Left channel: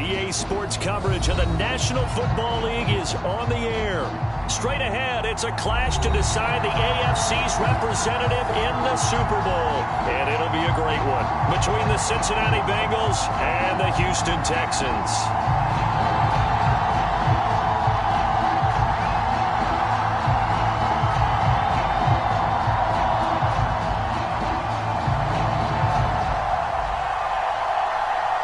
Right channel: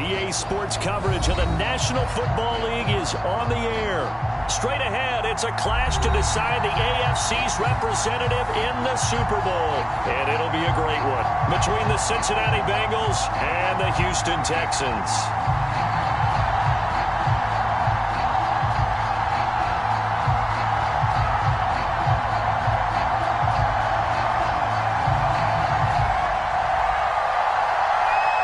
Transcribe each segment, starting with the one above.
EA Sports coverage of the National Football League is on the air. Straight ahead, it's a clash to decide the AFC's representative in the Super Bowl. And it'll be a great one between the Cincinnati Bengals and the Houston Texans.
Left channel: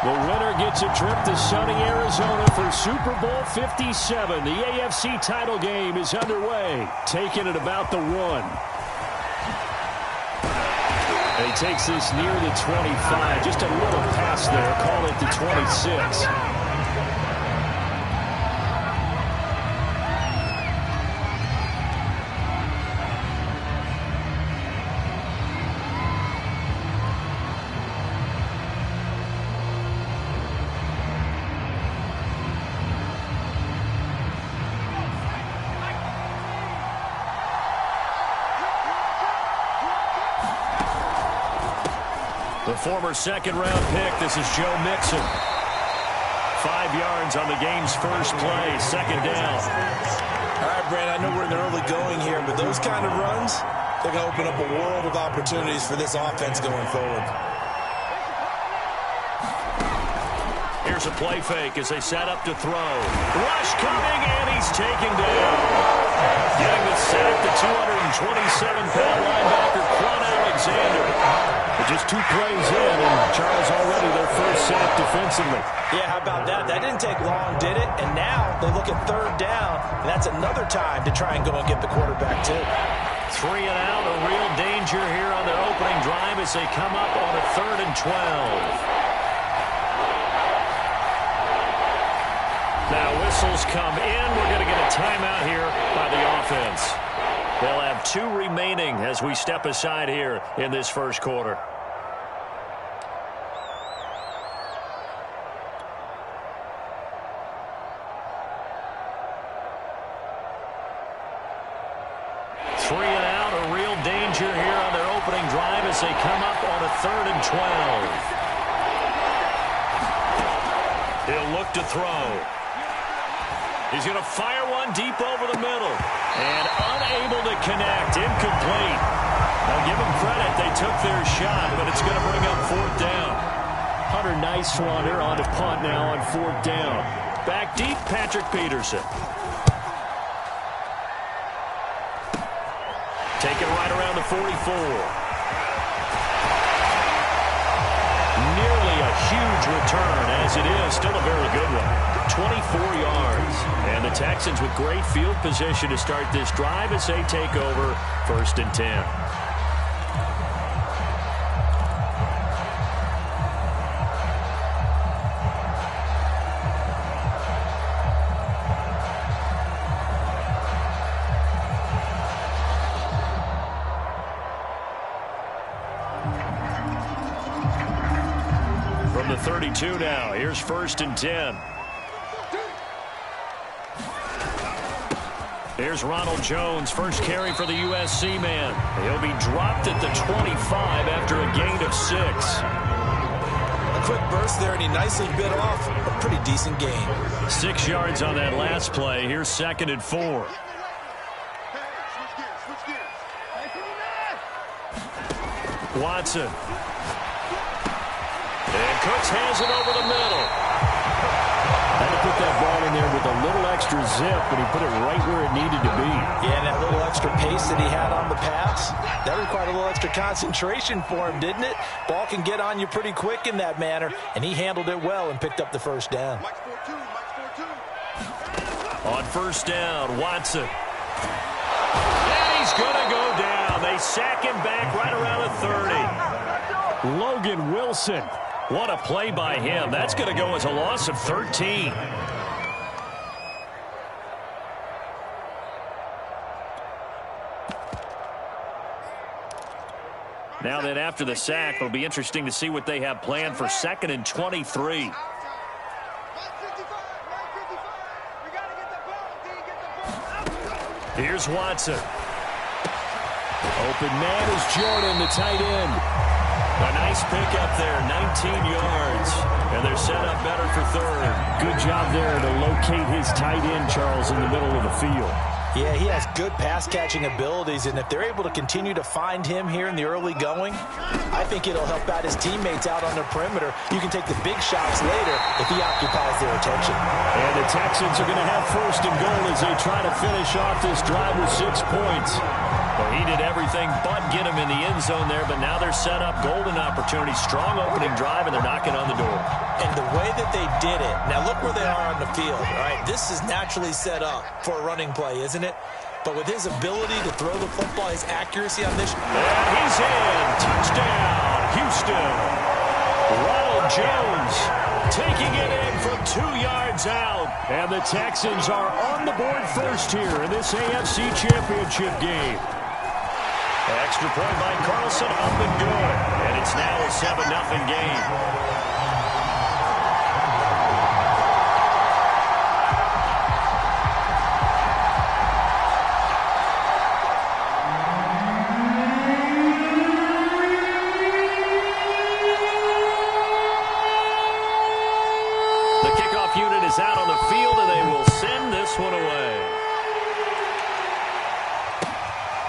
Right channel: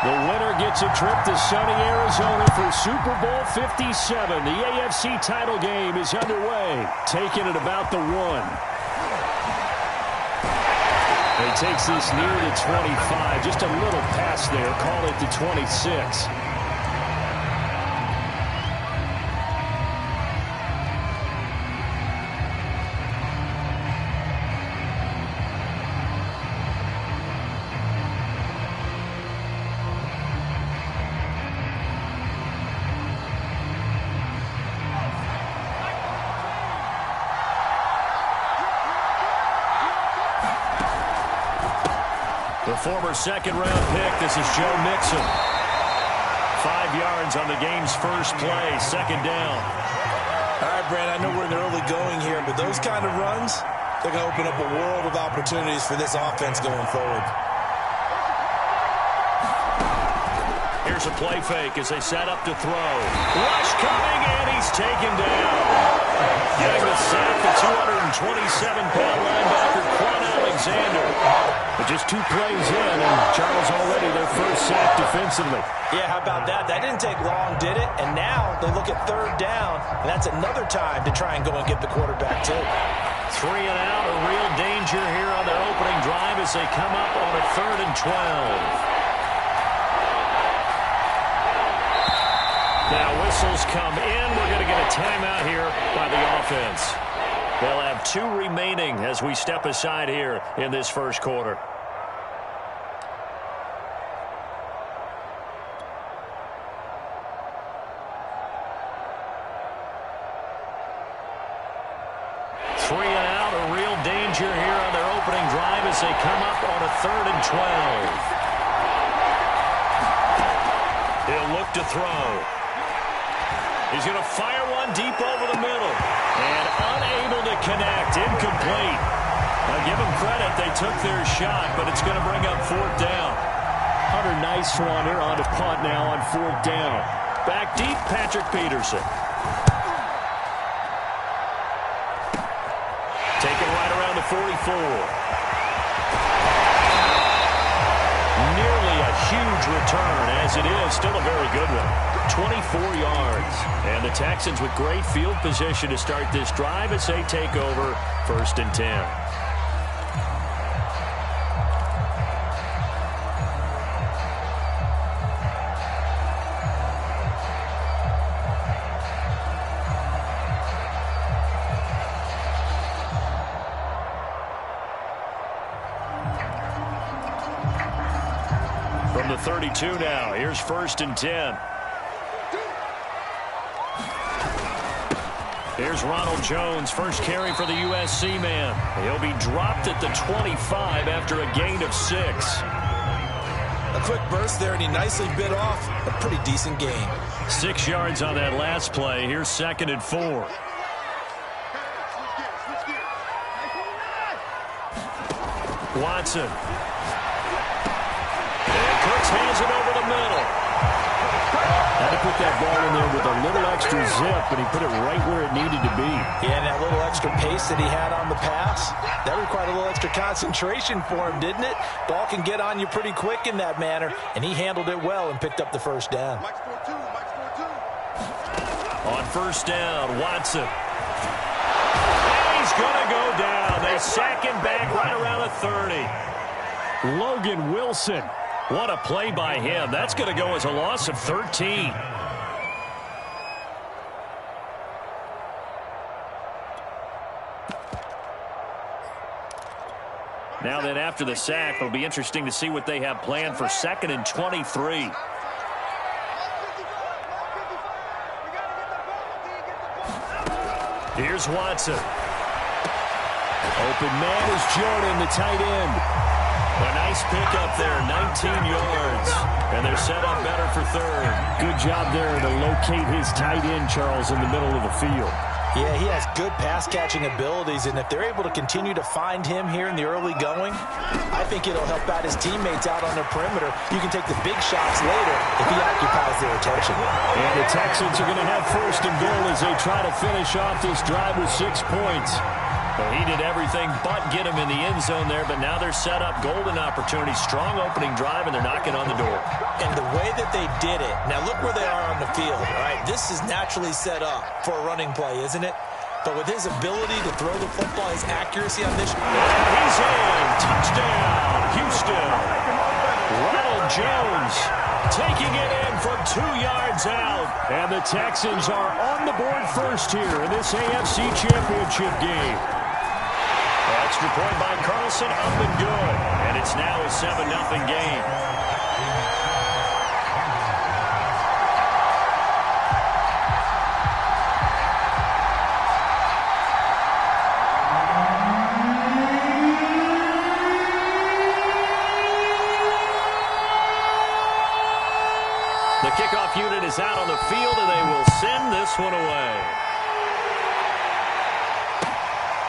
The winner gets a trip to sunny Arizona for Super Bowl 57. The AFC title game is underway, taken at about the 1. He takes this near the 25, just a little past there, call it the 26. The former second-round pick, this is Joe Mixon. 5 yards on the game's first play, second down. All right, Brand, I know we're in the early going here, but those kind of runs, they're going to open up a world of opportunities for this offense going forward. Here's a play fake as they set up to throw. Rush coming, and he's taken down. Getting the sack, the 227-pound linebacker, Quan Alexander. But just 2 plays in, and Charles already their first sack defensively. Yeah, how about that? That didn't take long, did it? And now they look at third down, and that's another time to try and go and get the quarterback, too. 3 and out, a real danger here on their opening drive as they come up on a 3rd and 12. Now whistles come in. We're going to get a timeout here by the offense. They'll have 2 remaining as we step aside here in this first quarter. Three and out, a real danger here on their opening drive as they come up on a 3rd and 12. He'll look to throw. He's going to fire one deep over the middle. And unable to connect. Incomplete. Now give them credit. They took their shot, but it's going to bring up 4th down. Hunter Nicewander on to punt now on 4th down. Back deep, Patrick Peterson. Taken right around the 44. Nearly a huge return, as it is still a very good one. 24 yards. And the Texans with great field position to start this drive as they take over 1st and 10. From the 32 now, here's 1st and 10. Here's Ronald Jones, first carry for the USC man. He'll be dropped at the 25 after a gain of 6. A quick burst there, and he nicely bit off a pretty decent gain. 6 yards on that last play. Here's 2nd and 4. Watson. And Cooks hands it over the middle. Had to put that ball in there with a little extra zip, and he put it right where it needed to be. Yeah, and that little extra pace that he had on the pass, that required a little extra concentration for him, didn't it? Ball can get on you pretty quick in that manner, and he handled it well and picked up the 1st down. On 1st down, Watson. And he's going to go down. They sack him back right around the 30. Logan Wilson. What a play by him. That's going to go as a loss of 13. Now then, after the sack, it'll be interesting to see what they have planned for 2nd and 23. Here's Watson. Open man is Jordan, the tight end. A nice pickup there, 19 yards. And they're set up better for third. Good job there to locate his tight end, Charles, in the middle of the field. Yeah, he has good pass-catching abilities, and if they're able to continue to find him here in the early going, I think it'll help out his teammates out on the perimeter. You can take the big shots later if he occupies their attention. And the Texans are going to have first and goal as they try to finish off this drive with 6 points. Well, he did everything but get him in the end zone there, but now they're set up. Golden opportunity, strong opening drive, and they're knocking on the door. And the way that they did it, now look where they are on the field, all right? This is naturally set up for a running play, isn't it? But with his ability to throw the football, his accuracy on this. And he's in. Touchdown, Houston. Ronald Jones taking it in from 2 yards out. And the Texans are on the board first here in this AFC Championship game. Extra point by Carlson, up and good. And it's now a 7-0 game. The kickoff unit is out on the field, and they will send this one away.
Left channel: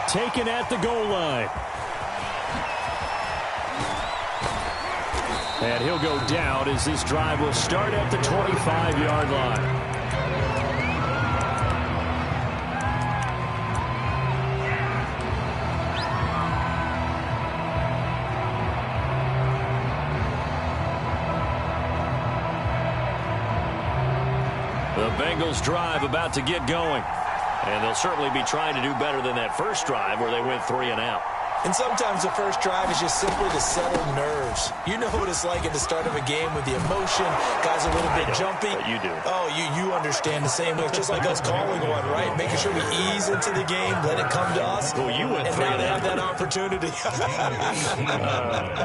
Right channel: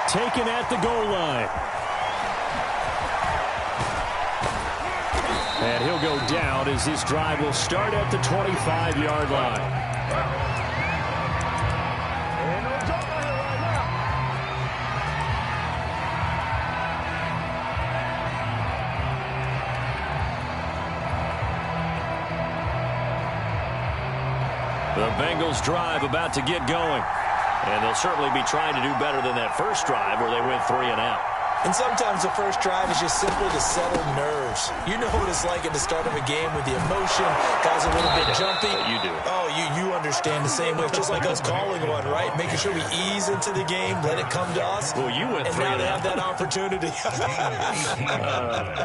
Taken at the goal line. And he'll go down as this drive will start at the 25-yard line. The Bengals drive about to get going. And they'll certainly be trying to do better than that first drive where they went 3 and out. And sometimes the first drive is just simply to settle nerves. You know what it's like at the start of a game with the emotion. Guys are a little bit jumpy. But you do. Oh, you understand the same way. It's just like us calling one, right? Making sure we ease into the game, let it come to us. Well, you went 3 and out. And now they have that opportunity.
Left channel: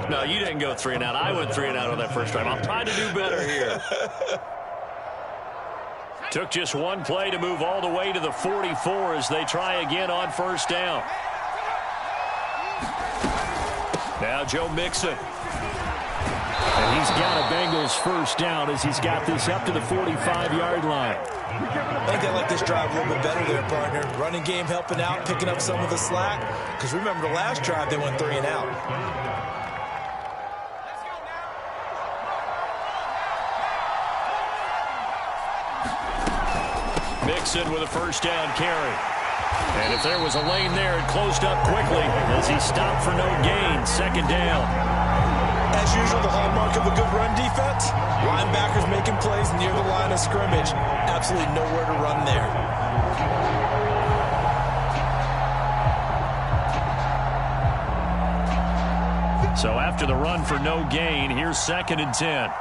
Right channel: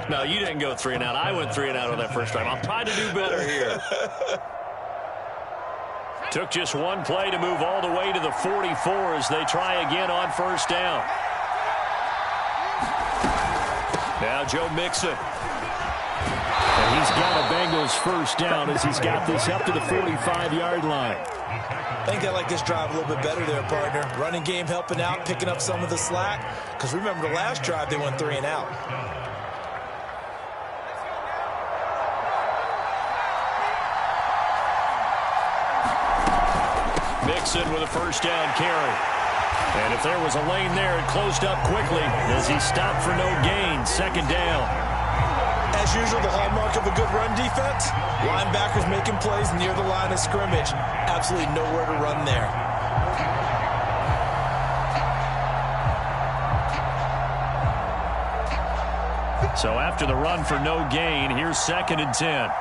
No, you didn't go 3 and out. I went 3 and out on that first drive. I'll try to do better here. Took just one play to move all the way to the 44 as they try again on first down. Now Joe Mixon. And he's got a Bengals first down as he's got this up to the 45-yard line. I think I like this drive a little bit better there, partner. Running game helping out, picking up some of the slack. Because remember the last drive, they went 3 and out. Mixon with a first down carry. And if there was a lane there, it closed up quickly as he stopped for no gain. Second down. As usual, the hallmark of a good run defense, linebackers making plays near the line of scrimmage. Absolutely nowhere to run there. So after the run for no gain, here's 2nd and 10.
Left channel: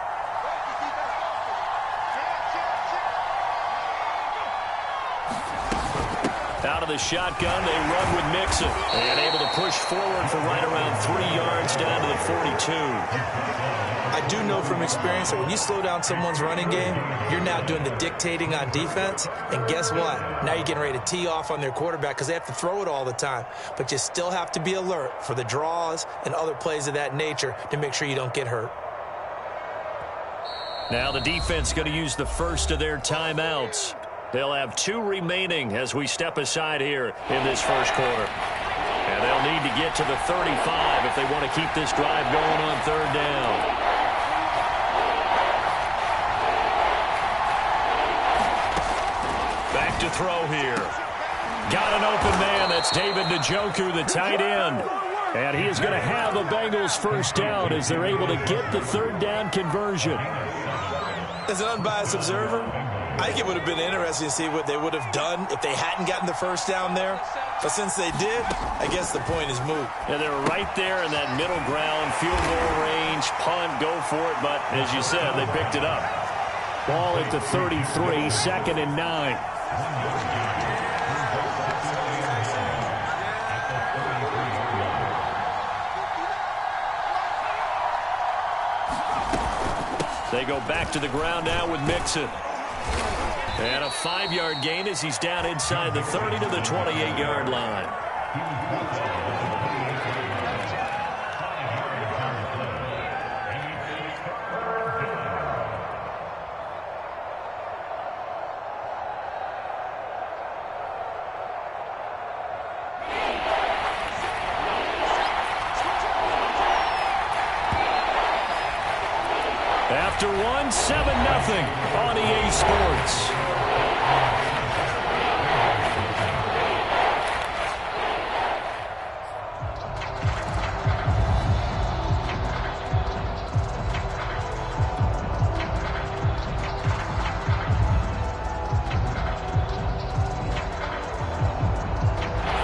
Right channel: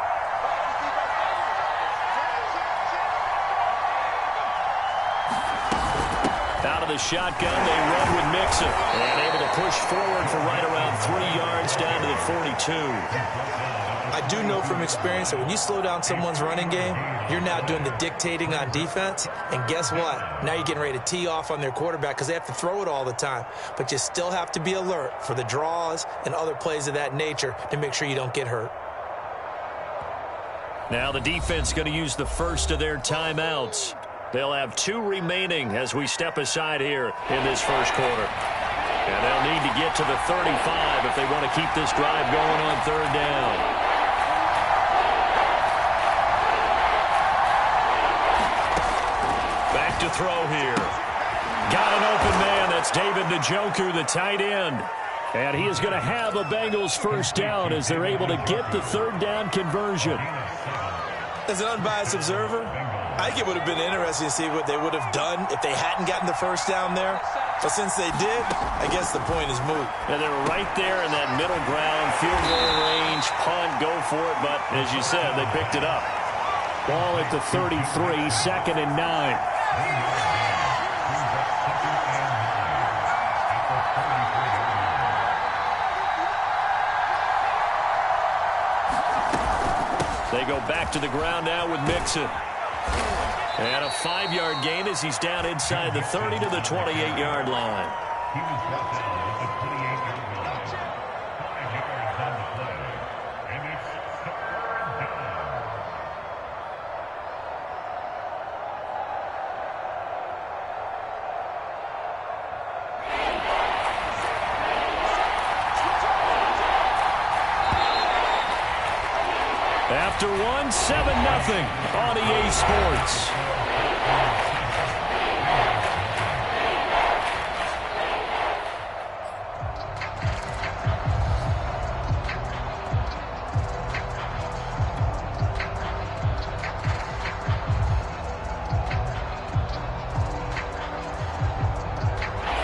Out of the shotgun, they run with Mixon. And able to push forward for right around 3 yards down to the 42. I do know from experience that when you slow down someone's running game, you're now doing the dictating on defense. And guess what? Now you're getting ready to tee off on their quarterback because they have to throw it all the time. But you still have to be alert for the draws and other plays of that nature to make sure you don't get hurt. Now the defense going to use the first of their timeouts. They'll have 2 remaining as we step aside here in this first quarter. And they'll need to get to the 35 if they want to keep this drive going on 3rd down. Back to throw here. Got an open man. That's David Njoku, the tight end. And he is going to have a Bengals first down as they're able to get the 3rd down conversion. As an unbiased observer, I think it would have been interesting to see what they would have done if they hadn't gotten the first down there. But since they did, I guess the point is moot. Yeah, they were right there in that middle ground, field goal range, punt, go for it. But as you said, they picked it up. Ball at the 33, 2nd and 9. They go back to the ground now with Mixon. And a 5-yard gain as he's down inside the 30 to the 28-yard line. after one, 7-0 on EA Sports.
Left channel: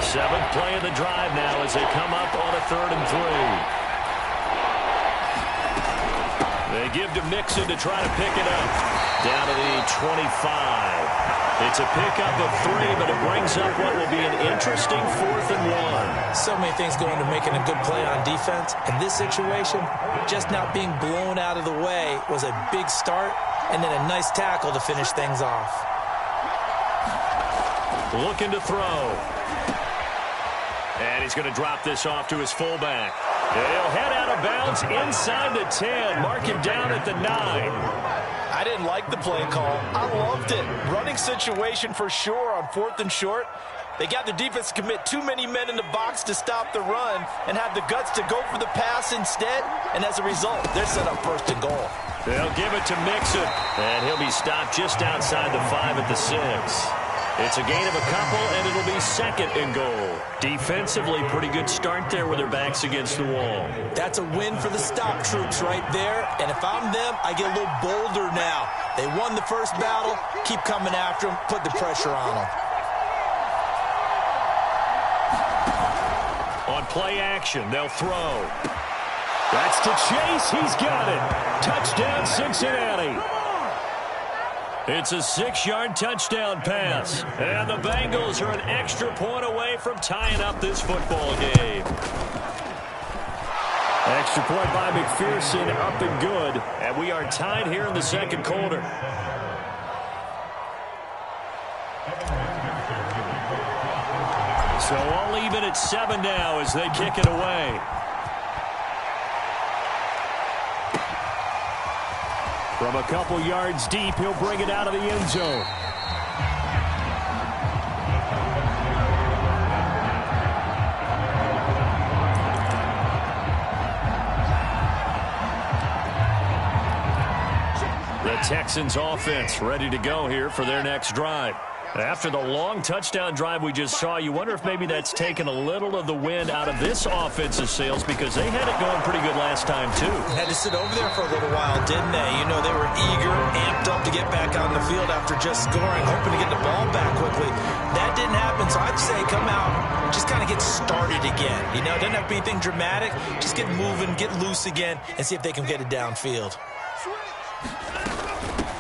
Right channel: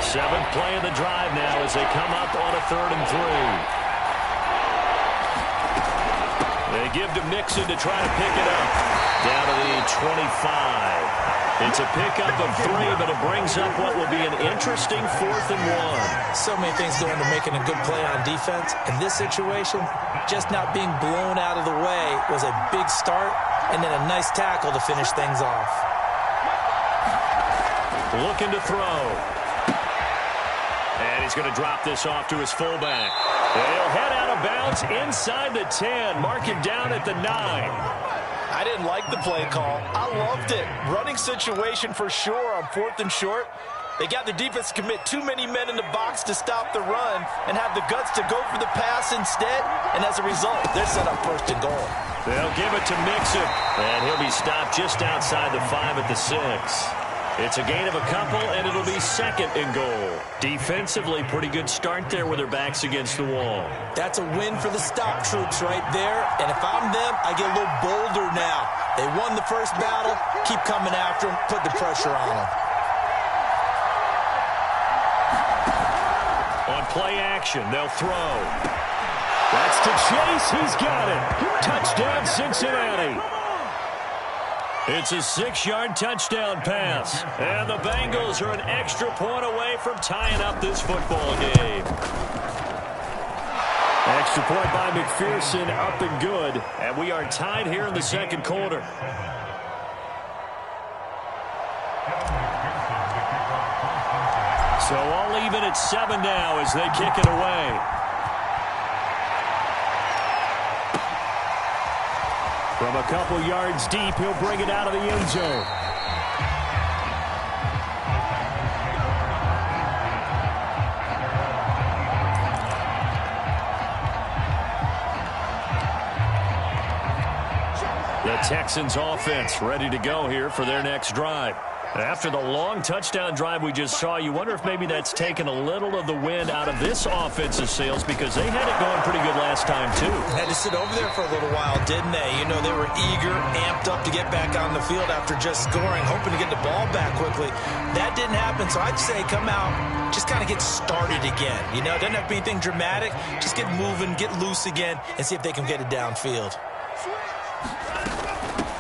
Seventh play of the drive now as they come up on a 3rd and 3. They give to Mixon to try to pick it up. Down to the 25. It's a pickup of 3, but it brings up what will be an interesting 4th and 1. So many things go into making a good play on defense. In this situation, just not being blown out of the way was a big start, and then a nice tackle to finish things off. Looking to throw. And he's going to drop this off to his fullback. He'll head out of bounds inside the 10. Mark him down at the 9. I didn't like the play call. I loved it. Running situation for sure on 4th and short. They got the defense to commit too many men in the box to stop the run and have the guts to go for the pass instead. And as a result, they're set up 1st and goal. They'll give it to Mixon. And he'll be stopped just outside the 5 at the 6. It's a gain of a couple, and it'll be 2nd and goal. Defensively, pretty good start there with their backs against the wall. That's a win for the stop troops right there. And if I'm them, I get a little bolder now. They won the first battle. Keep coming after them. Put the pressure on them. On play action, they'll throw. That's to Chase. He's got it. Touchdown, Cincinnati. It's a 6-yard touchdown pass. And the Bengals are an extra point away from tying up this football game. Extra point by McPherson, up and good. And we are tied here in the 2nd quarter. So all even at 7 now as they kick it away. From a couple yards deep, he'll bring it out of the end zone. The Texans offense ready to go here for their next drive. After the long touchdown drive we just saw, you wonder if maybe that's taken a little of the wind out of this offensive sails because they had it going pretty good last time, too. Had to sit over there for a little while, didn't they? You know, they were eager, amped up to get back on the field after just scoring, hoping to get the ball back quickly. That didn't happen, so I'd say come out, just kind of get started again. You know, it doesn't have to be anything dramatic. Just get moving, get loose again, and see if they can get it downfield.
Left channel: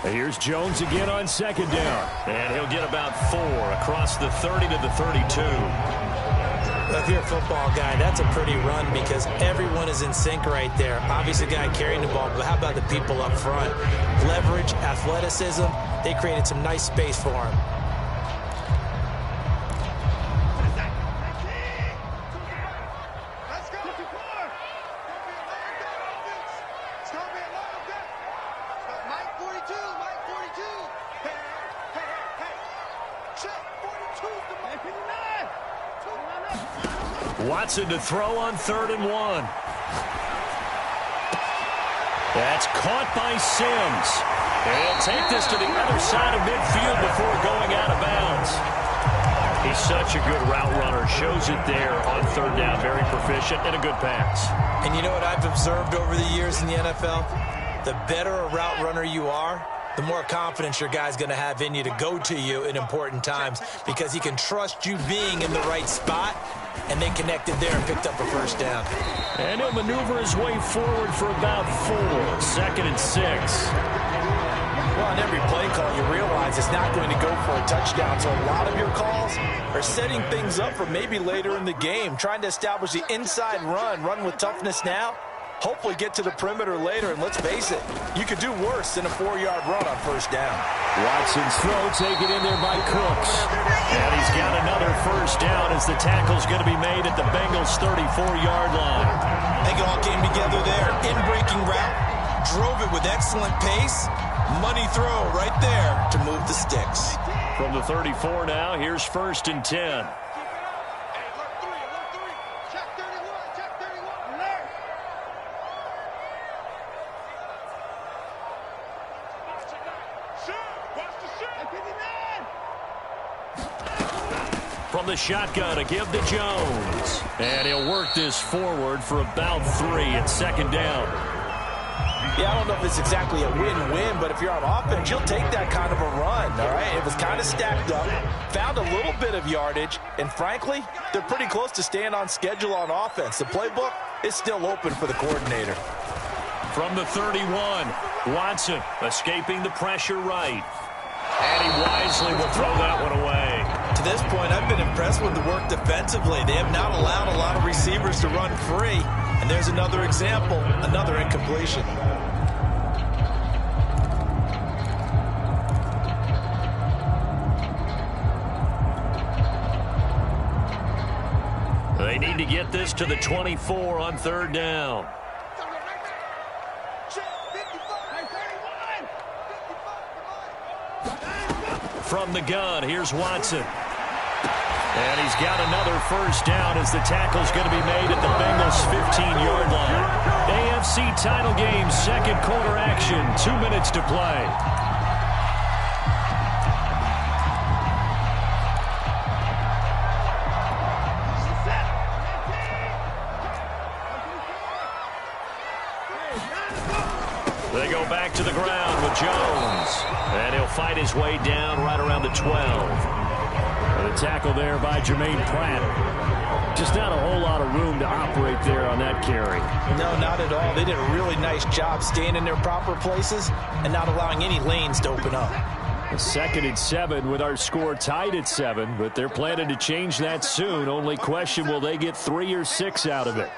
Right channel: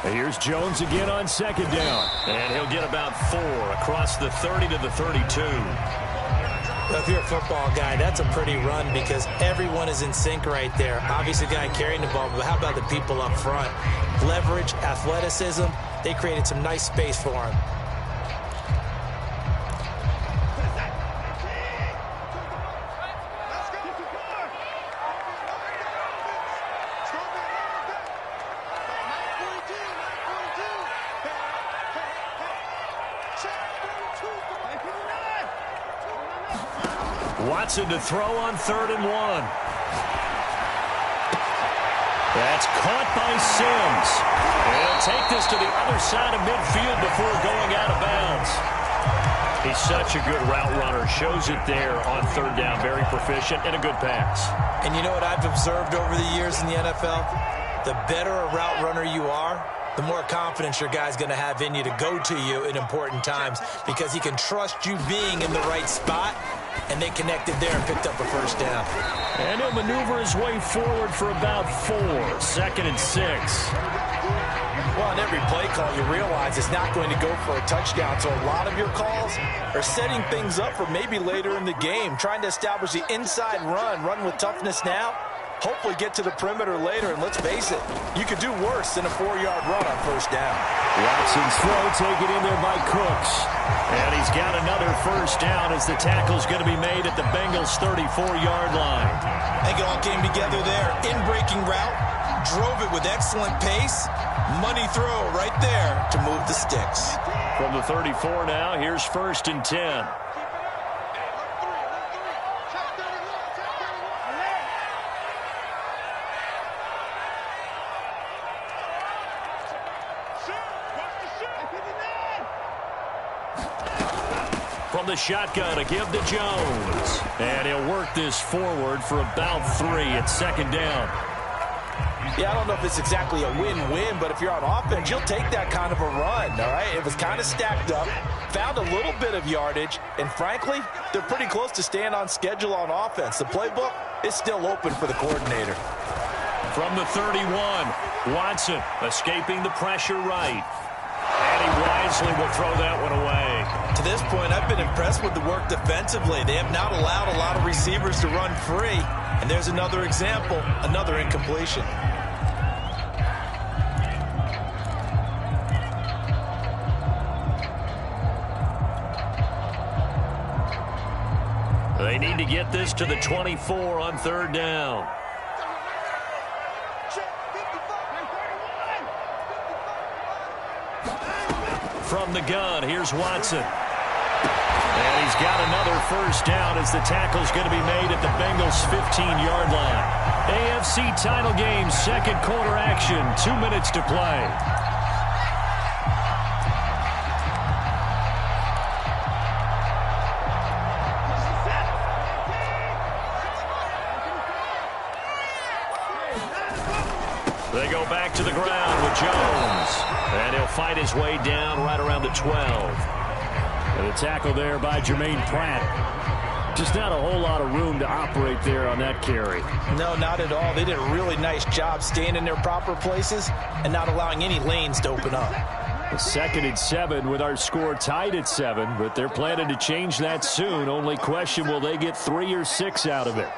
Here's Jones again on 2nd down. And he'll get about 4 across the 30 to the 32. Well, if you're a football guy, that's a pretty run because everyone is in sync right there. Obviously, the guy carrying the ball, but how about the people up front? Leverage, athleticism, they created some nice space for him. Watson to throw on 3rd and 1. That's caught by Sims. And he'll take this to the other side of midfield before going out of bounds. He's such a good route runner. Shows it there on 3rd down. Very proficient and a good pass. And you know what I've observed over the years in the NFL? The better a route runner you are, the more confidence your guy's going to have in you to go to you in important times because he can trust you being in the right spot, and they connected there and picked up a 1st down. And he'll maneuver his way forward for about 4. 2nd and 6. Well, on every play call, you realize it's not going to go for a touchdown, so a lot of your calls are setting things up for maybe later in the game, trying to establish the inside run with toughness now, hopefully get to the perimeter later, and let's face it, you could do worse than a 4-yard run on 1st down. Watson's throw taken in there by Cooks. And he's got another 1st down as the tackle's going to be made at the Bengals' 34-yard line. I think it all came together there. In-breaking route, drove it with excellent pace. Money throw right there to move the sticks. From the 34 now, here's 1st and 10. From the shotgun, a give to Jones. And he'll work this forward for about 3 at second down. Yeah, I don't know if it's exactly a win-win, but if you're on offense, you'll take that kind of a run, all right? It was kind of stacked up, found a little bit of yardage, and frankly, they're pretty close to staying on schedule on offense. The playbook is still open for the coordinator. From the 31, Watson escaping the pressure right. And he wisely will throw that one away. To this point, I've been impressed with the work defensively. They have not allowed a lot of receivers to run free. And there's another example, another incompletion. They need to get this to the 24 on third down. From the gun, here's Watson. And he's got another first down as the tackle's going to be made at the Bengals' 15-yard line. AFC title game, second quarter action, 2 minutes to play. They go back to the ground with Jones. And he'll fight his way down right around the 12. And the tackle there by Jermaine Pratt. Just not a whole lot of room to operate there on that carry. No, not at all. They did a really nice job staying in their proper places and not allowing any lanes to open up. The 2nd and 7 with our score tied at 7, but they're planning to change that soon. Only question, will they get 3 or 6 out of it?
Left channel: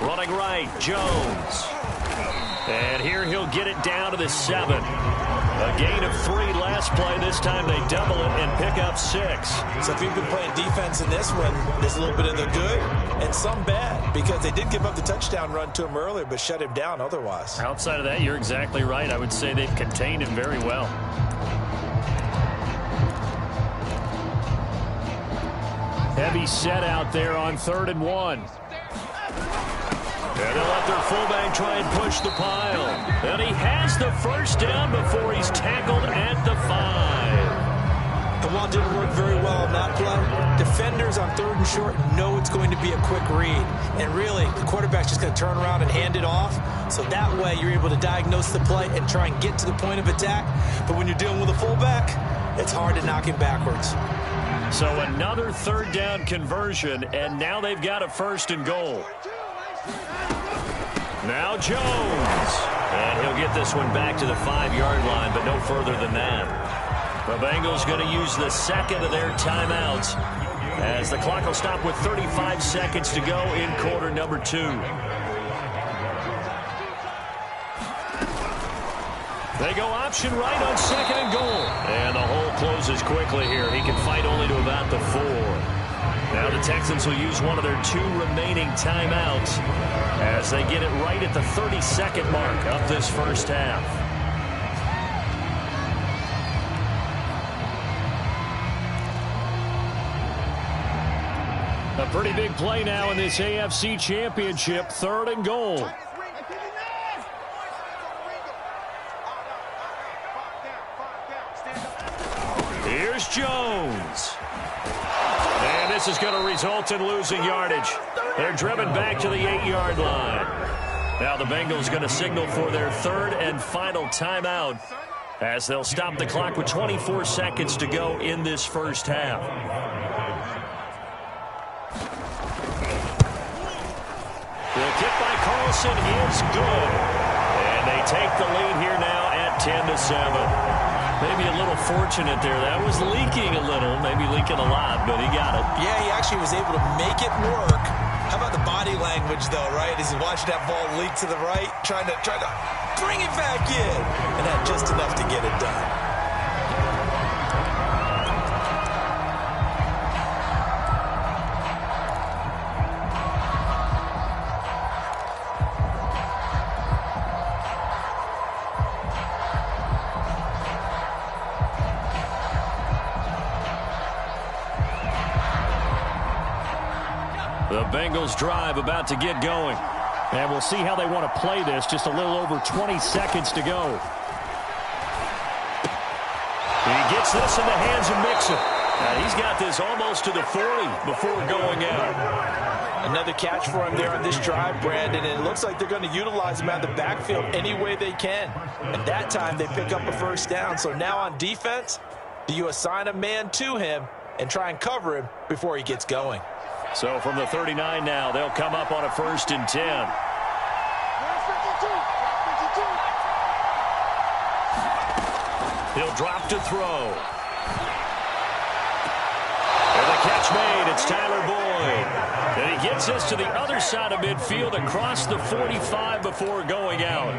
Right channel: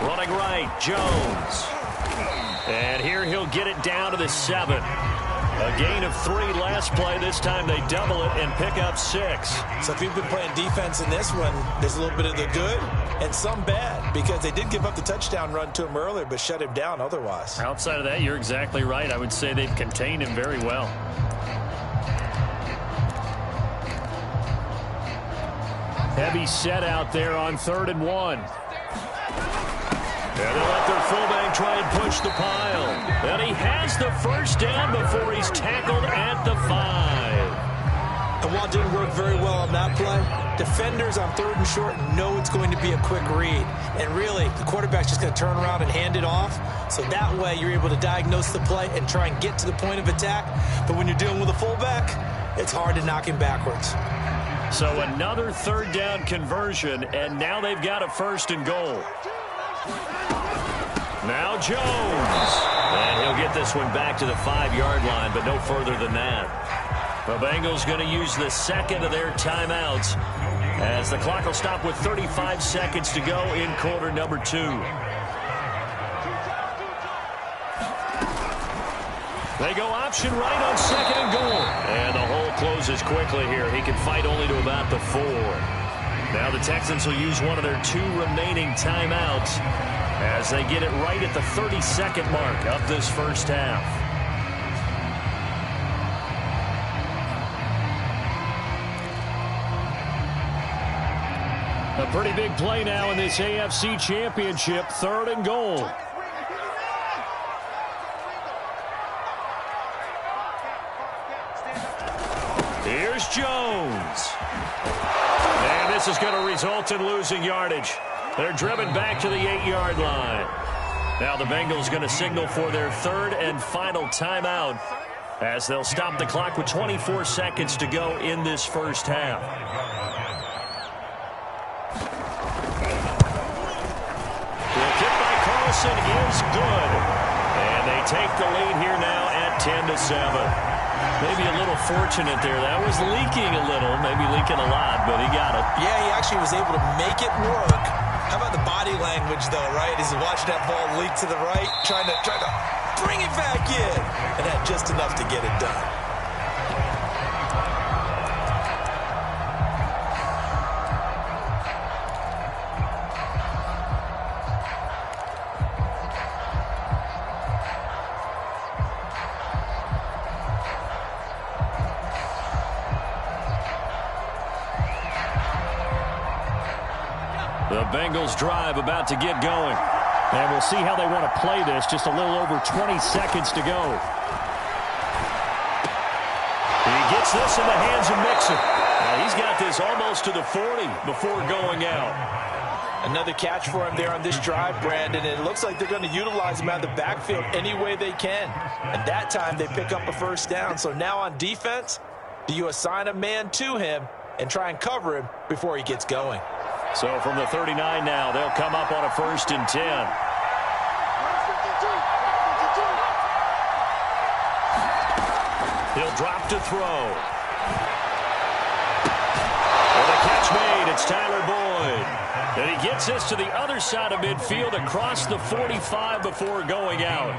Running right, Jones. And here he'll get it down to the 7. A gain of 3 last play. This time they double it and pick up 6. So if you've been playing defense in this one, there's a little bit of the good and some bad, because they did give up the touchdown run to him earlier but shut him down otherwise. Outside of that, you're exactly right. I would say they've contained him very well. Heavy set out there on 3rd and 1. And they'll let their fullback try and push the pile. And he has the first down before he's tackled at the 5. And while it didn't work very well on that play, defenders on 3rd and short know it's going to be a quick read. And really, the quarterback's just going to turn around and hand it off. So that way, you're able to diagnose the play and try and get to the point of attack. But when you're dealing with a fullback, it's hard to knock him backwards. So another 3rd down conversion, and now they've got a 1st and goal. Now Jones. And he'll get this one back to the 5-yard line, but no further than that. The Bengals going to use the 2nd of their timeouts as the clock will stop with 35 seconds to go in quarter number 2. They go option right on 2nd and goal. And the hole closes quickly here. He can fight only to about the 4. Now the Texans will use one of their 2 remaining timeouts as they get it right at the 32nd mark of this first half. A pretty big play now in this AFC Championship, 3rd and goal. Here's Jones. And this is going to result in losing yardage. They're driven back to the 8-yard line. Now the Bengals going to signal for their 3rd and final timeout as they'll stop the clock with 24 seconds to go in this first half. The kick by Carlson is good. And they take the lead here now at 10-7. Maybe a little fortunate there. That was leaking a little, maybe leaking a lot, but he got it. Yeah, he actually was able to make it work. How about the body language, though, right? As he watched that ball leak to the right, trying to bring it back in, and had just enough to get it done. The Bengals drive about to get going. And we'll see how they want to play this. Just a little over 20 seconds to go. He gets this in the hands of Mixon. He's got this almost to the 40 before going out. Another catch for him there on this drive, Brandon. And it looks like they're going to utilize him out of the backfield any way they can. And that time they pick up a first down. So now on defense, do you assign a man to him and try and cover him before he gets going? So from the 39 now, they'll come up on a 1st and 10. He'll drop to throw. And the catch made. It's Tyler Boyd. And he gets this to the other side of midfield across the 45 before going out.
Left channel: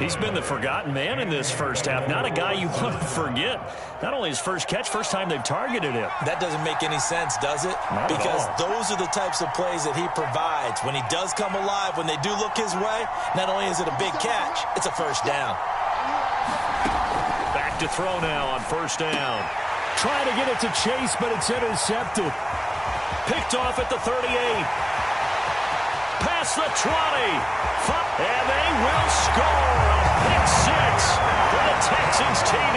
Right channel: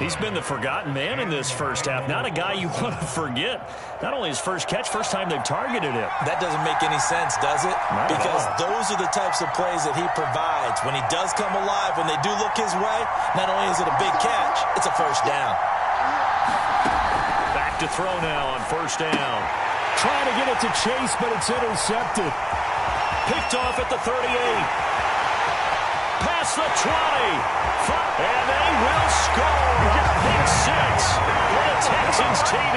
He's been the forgotten man in this first half. Not a guy you want to forget. Not only his first catch, first time they've targeted him. That doesn't make any sense, does it? Not because at all. those are the types of plays that he provides. When he does come alive, when they do look his way, not only is it a big catch, it's a first down. Back to throw now on 1st down. Trying to get it to Chase, but it's intercepted. Picked off at the 38. Past the 20. And they will score a pick 6 for the Texans TD.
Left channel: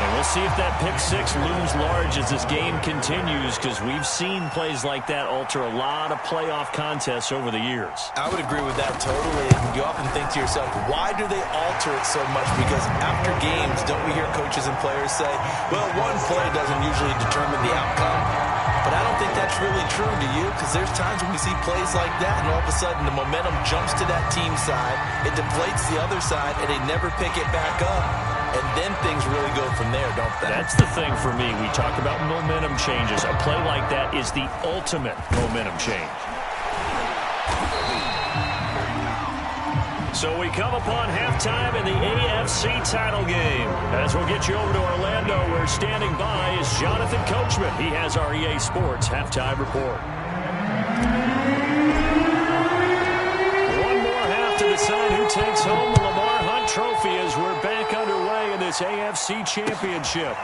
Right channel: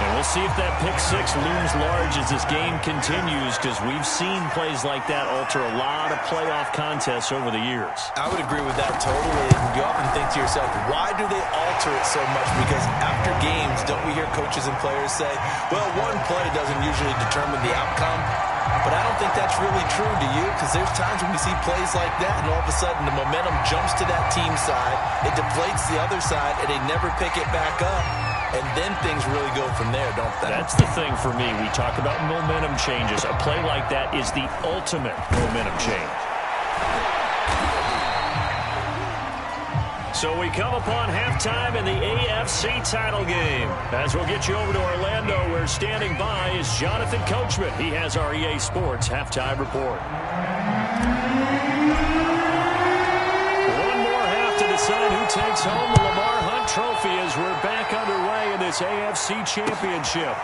And we'll see if that pick 6 looms large as this game continues, because we've seen plays like that alter a lot of playoff contests over the years. I would agree with that totally. And you often think to yourself, why do they alter it so much? Because after games, don't we hear coaches and players say, well, one play doesn't usually determine the outcome. But I don't think that's really true, do you? Because there's times when we see plays like that, and all of a sudden the momentum jumps to that team side, it deflates the other side, and they never pick it back up. And then things really go from there, don't they? That's the thing for me. We talk about momentum changes. A play like that is the ultimate momentum change. So we come upon halftime in the AFC title game. As we'll get you over to Orlando, where standing by is Jonathan Coachman. He has our EA Sports halftime report. One more half to decide who takes home the Lamar Hunt Trophy as we're back underway in this AFC Championship.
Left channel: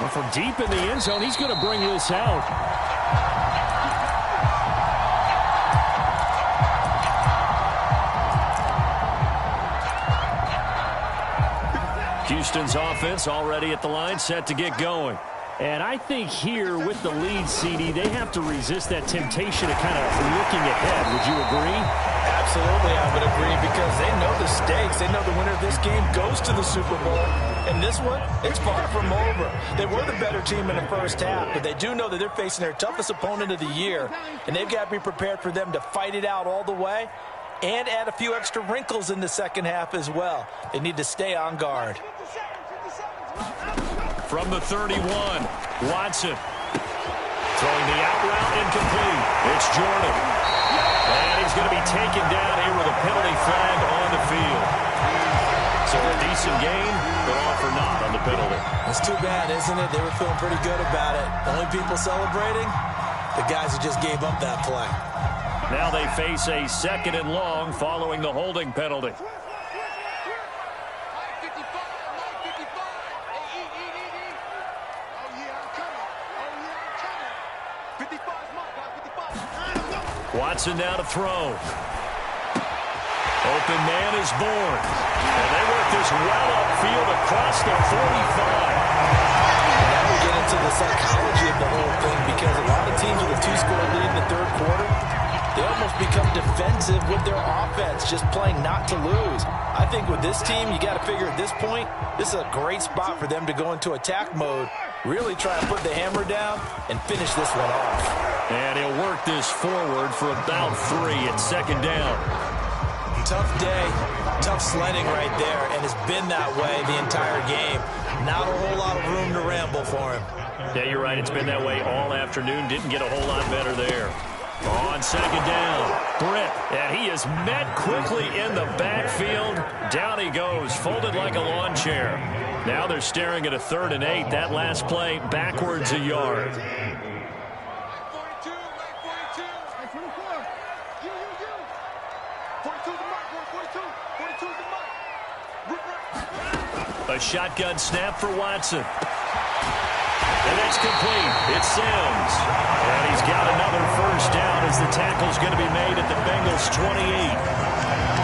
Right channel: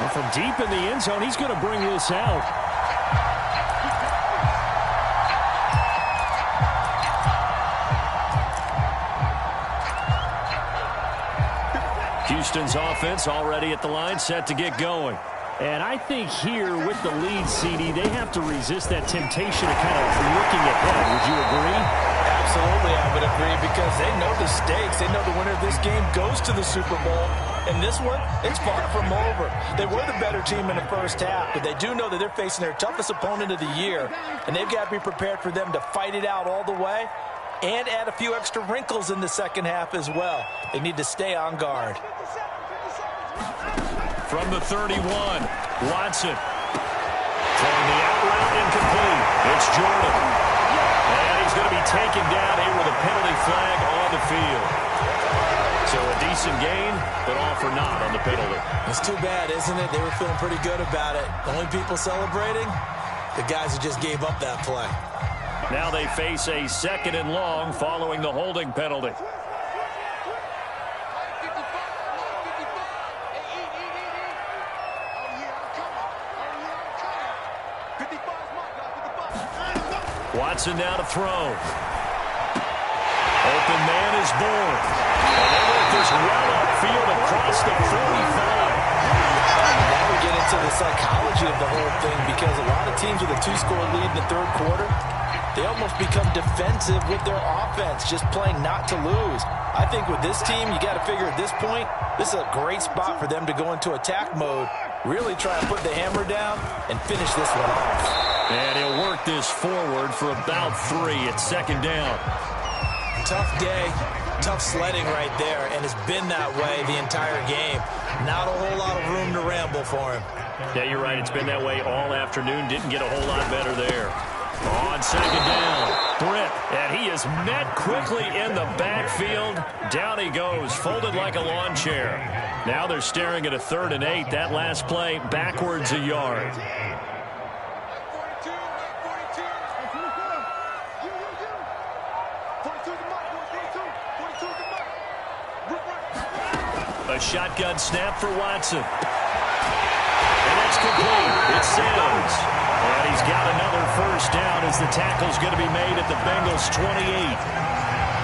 Well, from deep in the end zone, he's going to bring this out. Houston's offense already at the line, set to get going. And I think here with the lead, CD, they have to resist that temptation of kind of looking ahead. Would you agree? Absolutely, I would agree, because they know the stakes. They know the winner of this game goes to the Super Bowl. And this one, it's far from over. They were the better team in the first half, but they do know that they're facing their toughest opponent of the year. And they've got to be prepared for them to fight it out all the way and add a few extra wrinkles in the second half as well. They need to stay on guard. From the 31, Watson. Throwing the out route incomplete. It's Jordan. And he's going to be taken down here with a penalty flag on the field. So a decent gain, but all for naught on the penalty. It's too bad, isn't it? They were feeling pretty good about it. The only people celebrating, the guys who just gave up that play. Now they face a 2nd and long following the holding penalty. Watson now to throw. Open man is born. And they work this well upfield across the 45. Now we get into the psychology of the whole thing, because a lot of teams with a 2-score lead in the third quarter, they almost become defensive with their offense, just playing not to lose. I think with this team, you got to figure at this point, this is a great spot for them to go into attack mode, really try and put the hammer down and finish this one off. And he'll work this forward for about 3 at 2nd down. Tough day, tough sledding right there, and it's been that way the entire game. Not a whole lot of room to ramble for him. Yeah, you're right. It's been that way all afternoon. Didn't get a whole lot better there. On 2nd down, Britt, and he is met quickly in the backfield. Down he goes, folded like a lawn chair. Now they're staring at a 3rd and 8. That last play, backwards a yard. A shotgun snap for Watson. And that It's complete. It's Sims. And he's got another first down as the tackle's going to be made at the Bengals' 28.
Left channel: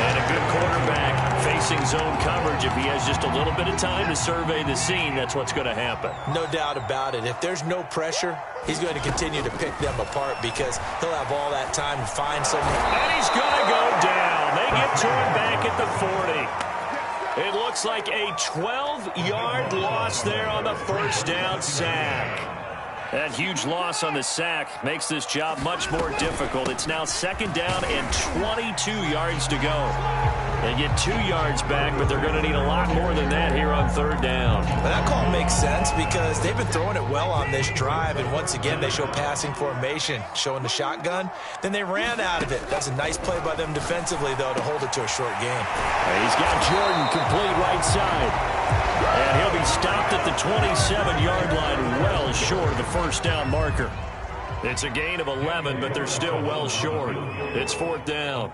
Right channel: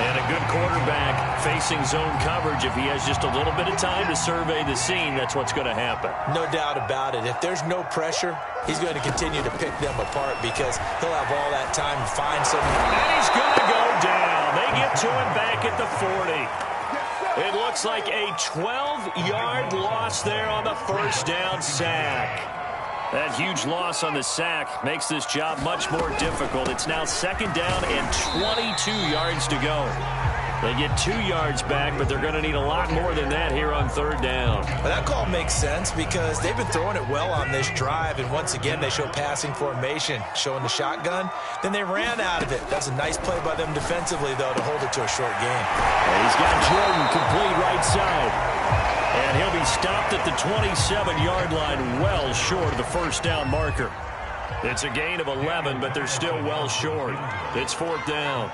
And a good quarterback facing zone coverage. If he has just a little bit of time to survey the scene, that's what's going to happen. No doubt about it. If there's no pressure, he's going to continue to pick them apart because he'll have all that time to find someone. And he's going to go down. They get to him back at the 40. It looks like a 12-yard loss there on the first down sack. That huge loss on the sack makes this job much more difficult. It's now second down and 22 yards to go. They get 2 yards back, but they're going to need a lot more than that here on third down. Well, that call makes sense because they've been throwing it well on this drive, and once again they show passing formation, showing the shotgun. Then they ran out of it. That's a nice play by them defensively, though, to hold it to a short game. And he's got Jordan complete right side. And he'll be stopped at the 27-yard line, well short of the first down marker. It's a gain of 11, but they're still well short. It's fourth down.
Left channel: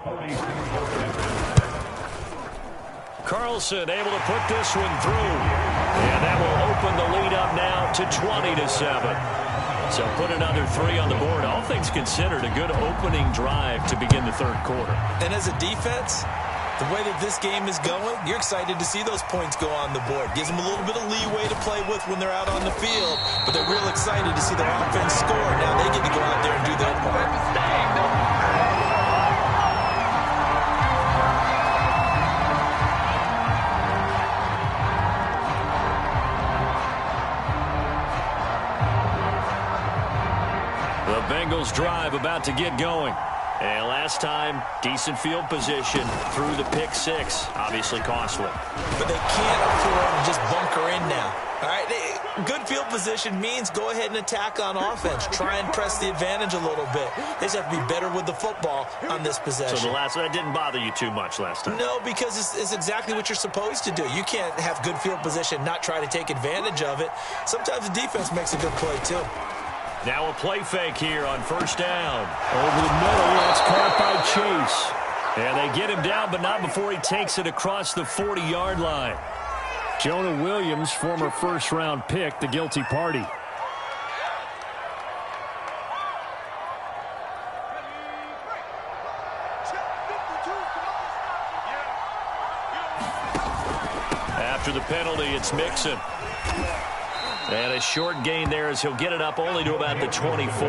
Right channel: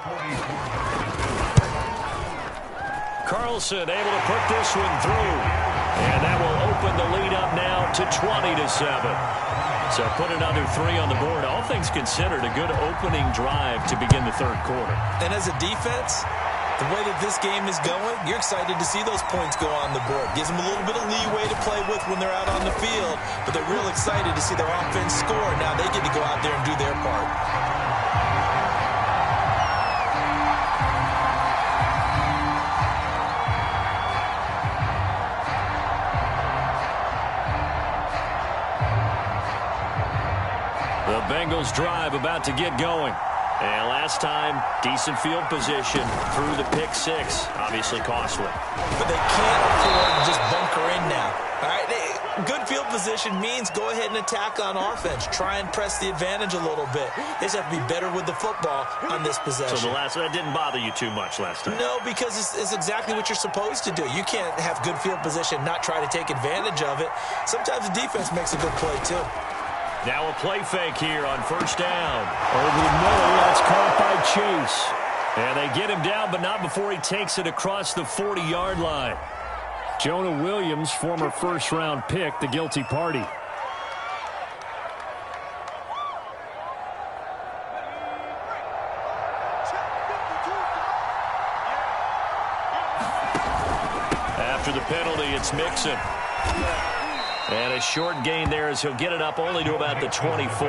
Carlson able to put this one through. And that will open the lead up now to 20-7. So put another 3 on the board. All things considered, a good opening drive to begin the third quarter. And as a defense, the way that this game is going, you're excited to see those points go on the board. Gives them a little bit of leeway to play with when they're out on the field, but they're real excited to see their offense score. Now they get to go out there and do their part. The Bengals drive about to get going. And last time, decent field position through the pick six. Obviously costly. But they can't afford to just bunker in now. All right, good field position means go ahead and attack on offense. Try and press the advantage a little bit. They just have to be better with the football on this possession. So that didn't bother you too much last time? No, because it's exactly what you're supposed to do. You can't have good field position, not try to take advantage of it. Sometimes the defense makes a good play, too. Now a play fake here on first down. Over the middle, that's caught by Chase. And they get him down, but not before he takes it across the 40-yard line. Jonah Williams, former first-round pick, the guilty party. After the penalty, it's Mixon. And a short gain there as he'll get it up only to about the 24.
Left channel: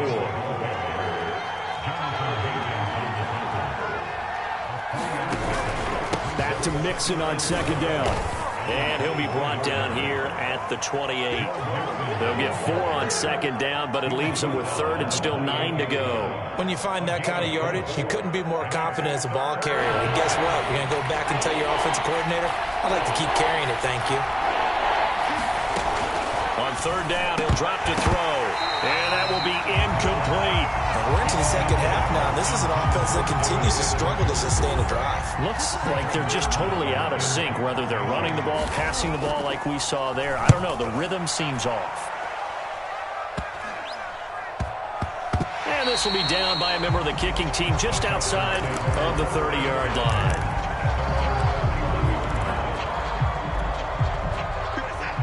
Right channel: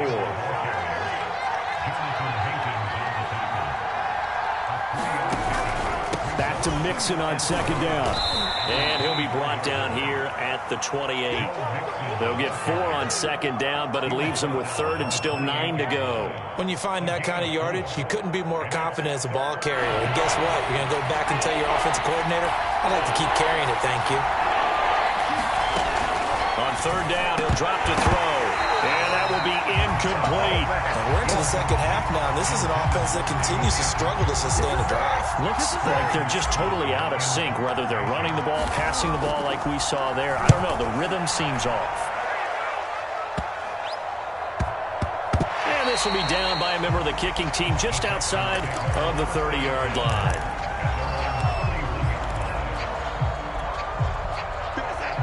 Back to Mixon on second down. And he'll be brought down here at the 28. They'll get 4 on second down, but it leaves them with third and still 9 to go. When you find that kind of yardage, you couldn't be more confident as a ball carrier. And guess what? You're going to go back and tell your offensive coordinator, I'd like to keep carrying it, thank you. On third down, he'll drop to throw. And that will be incomplete. And we're into the second half now. This is an offense that continues to struggle to sustain a drive. Looks like they're just totally out of sync, whether they're running the ball, passing the ball like we saw there. I don't know. The rhythm seems off. And this will be down by a member of the kicking team just outside of the 30-yard line.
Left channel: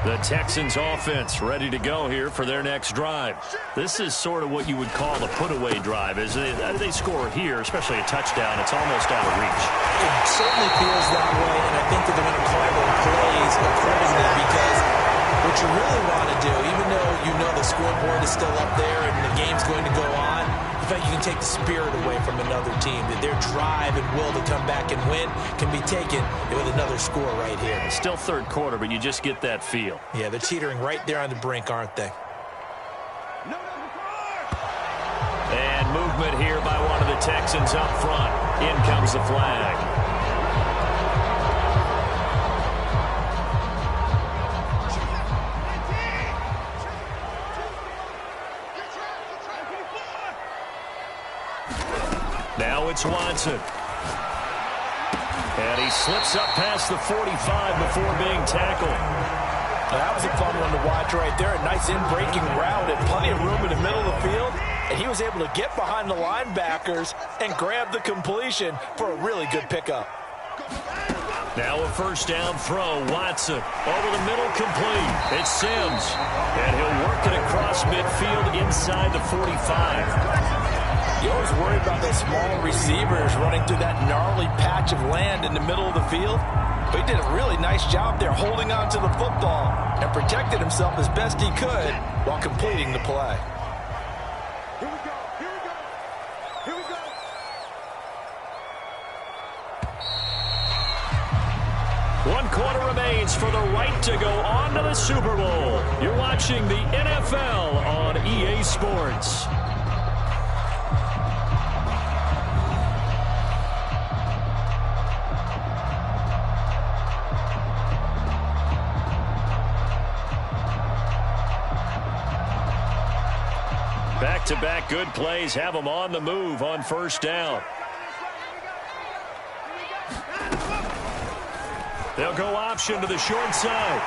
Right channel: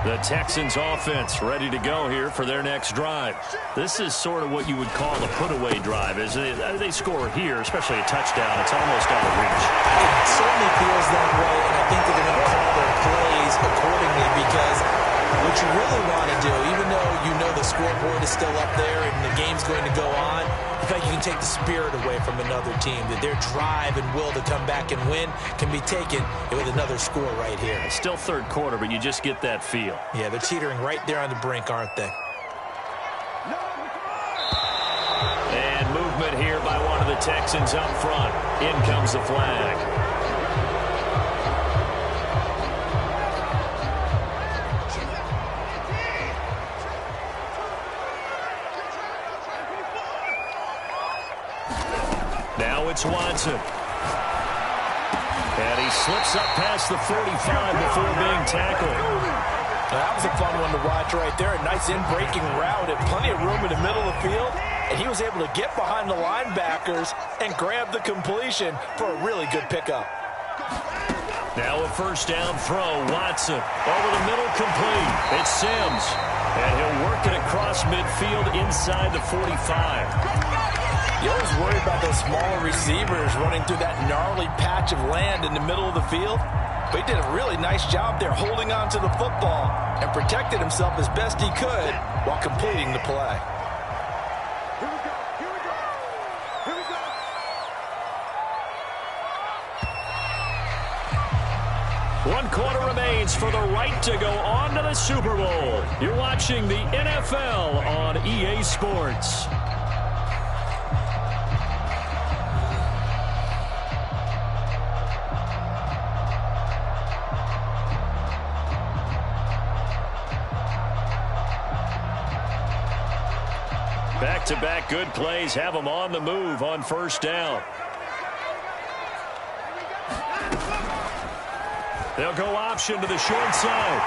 The Texans offense ready to go here for their next drive. This is sort of what you would call a put-away drive. As they score here, especially a touchdown, it's almost out of reach. It certainly feels that way, and I think that they're going to call their plays accordingly because what you really want to do, even though you know the scoreboard is still up there and the game's going to go on, in fact, you can take the spirit away from another team. That their drive and will to come back and win can be taken with another score right here. It's still third quarter, but you just get that feel. Yeah, they're teetering right there on the brink, aren't they? And movement here by one of the Texans up front. In comes the flag. Now it's Watson. And he slips up past the 45 before being tackled. That was a fun one to watch right there. A nice in-breaking route and plenty of room in the middle of the field. And he was able to get behind the linebackers and grab the completion for a really good pickup. Now a first down throw. Watson over the middle, complete. It's Sims. And he'll work it across midfield inside the 45. You always worry about those small receivers running through that gnarly patch of land in the middle of the field. But he did a really nice job there holding on to the football and protected himself as best he could while completing the play. Here we go. Here we go. Here we go. One quarter remains for the right to go on to the Super Bowl. You're watching the NFL on EA Sports. Back-to-back good plays have them on the move on first down. They'll go option to the short side.